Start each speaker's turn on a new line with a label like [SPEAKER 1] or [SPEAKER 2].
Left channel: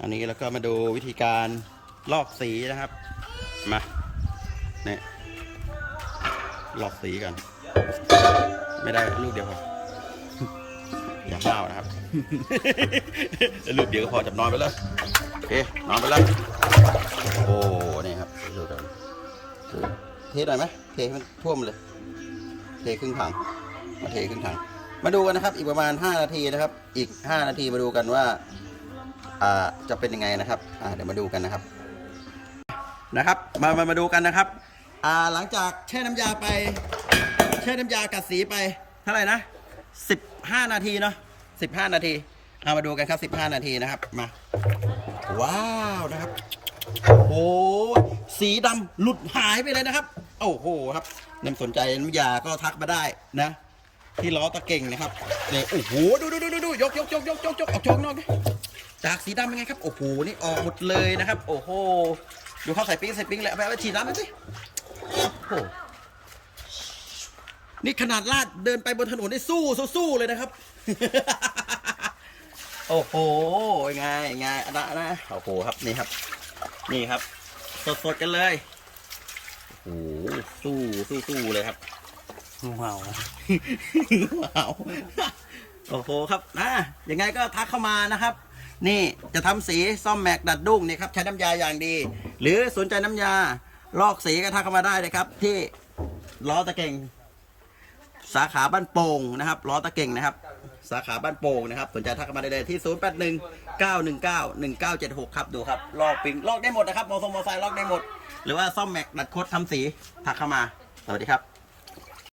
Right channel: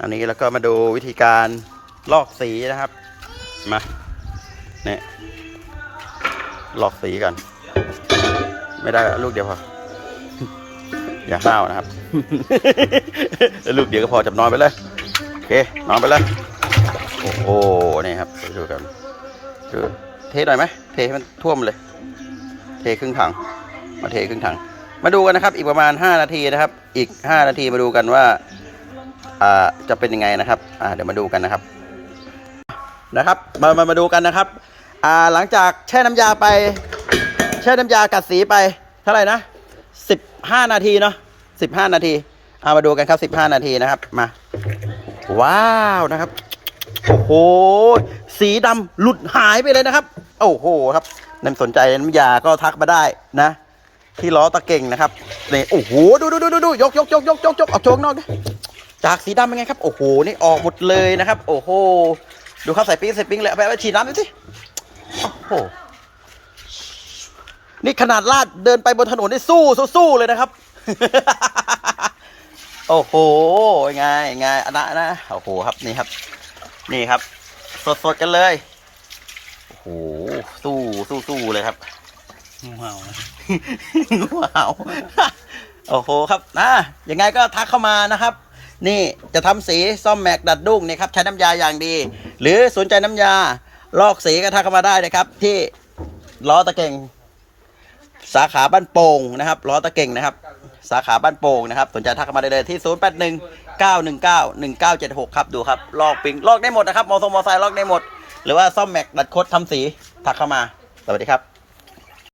[SPEAKER 1] อันนี้แล้วก็มาดูวิธีการลอกสีนะครับ มาเนี่ยลอกสีกัน ไม่ได้ลูกเดียวพออย่าห้านะครับ ลูกเดียวก็พอจับนอนไปเลยโอเคนอนไปเลยโอ้โหนี่ครับดูกันดูเทหน่อยไหมเทให้มันท่วมเลย เทครึ่งถัง มาเทครึ่งถัง มาดูกันนะครับ อีกประมาณ 5 นาทีนะครับ อีก 5 นาทีมาดูกันว่า จะเป็นยังไงนะครับเดี๋ยวมาดูกันนะครับนะครับมามามาดูกันนะครับหลังจากแช่น้ำยาไป แช่น้ำยากัดสีไปเท่าไหร่นะ15 นาทีเนาะ15 นาทีเอามาดูกันครับ 15 นาทีนะครับมา ว้าวนะครับโอ้โหสีดำหลุดหายไปเลยนะครับ โอ้โหครับนั่นสนใจน้ำยาก็ทักมาได้นะ ที่ล้อตะเก่งนะครับนี่โอ้โหดูดูดูดูดูยกยกยกยกยกยกออกโจงนอกดิ จากสีดำเป็นไงครับ โอ้โห นี่ออกหมดเลยนะครับ โอ้โห ดูเขาใส่ปิ๊งใส่ปิ๊งเลยเอาไปเอาไปฉีดน้ำหน่อยสิ โอ้โห นี่ขนาดลาดเดินไปบนถนนนี่สู้สู้สู้เลยนะครับ โอ้โหไงไงอันนะนะ โอ้โหครับนี่ครับ นี่ครับ สดสดๆกันเลย โอ้โห สู้สู้สู้เลยครับ
[SPEAKER 2] งูเห่า
[SPEAKER 1] ว้าวโอ้โหครับนะยังไงก็ทักเข้ามานะครับ นี่จะทำสีซ่อมแม็กดัดดุ้งเนี่ยครับใช้น้ำยาอย่างดี หรือสนใจน้ำยาลอกสีก็ทักเข้ามาได้นะครับ ที่ล้อตะเก่งสาขาบ้านโป่งนะครับล้อตะเก่งนะครับ สาขาบ้านโป่งนะครับ สนใจทักเข้ามาได้เลยที่ 0 8 1 9 1 9 1 9 7 6 ครับดูครับลอกปิงลอกได้หมดนะครับมอเตอร์ไซค์ลอกได้หมด หรือว่าซ่อมแม็กดัดคดทำสีทักเข้ามาสวัสดีครับ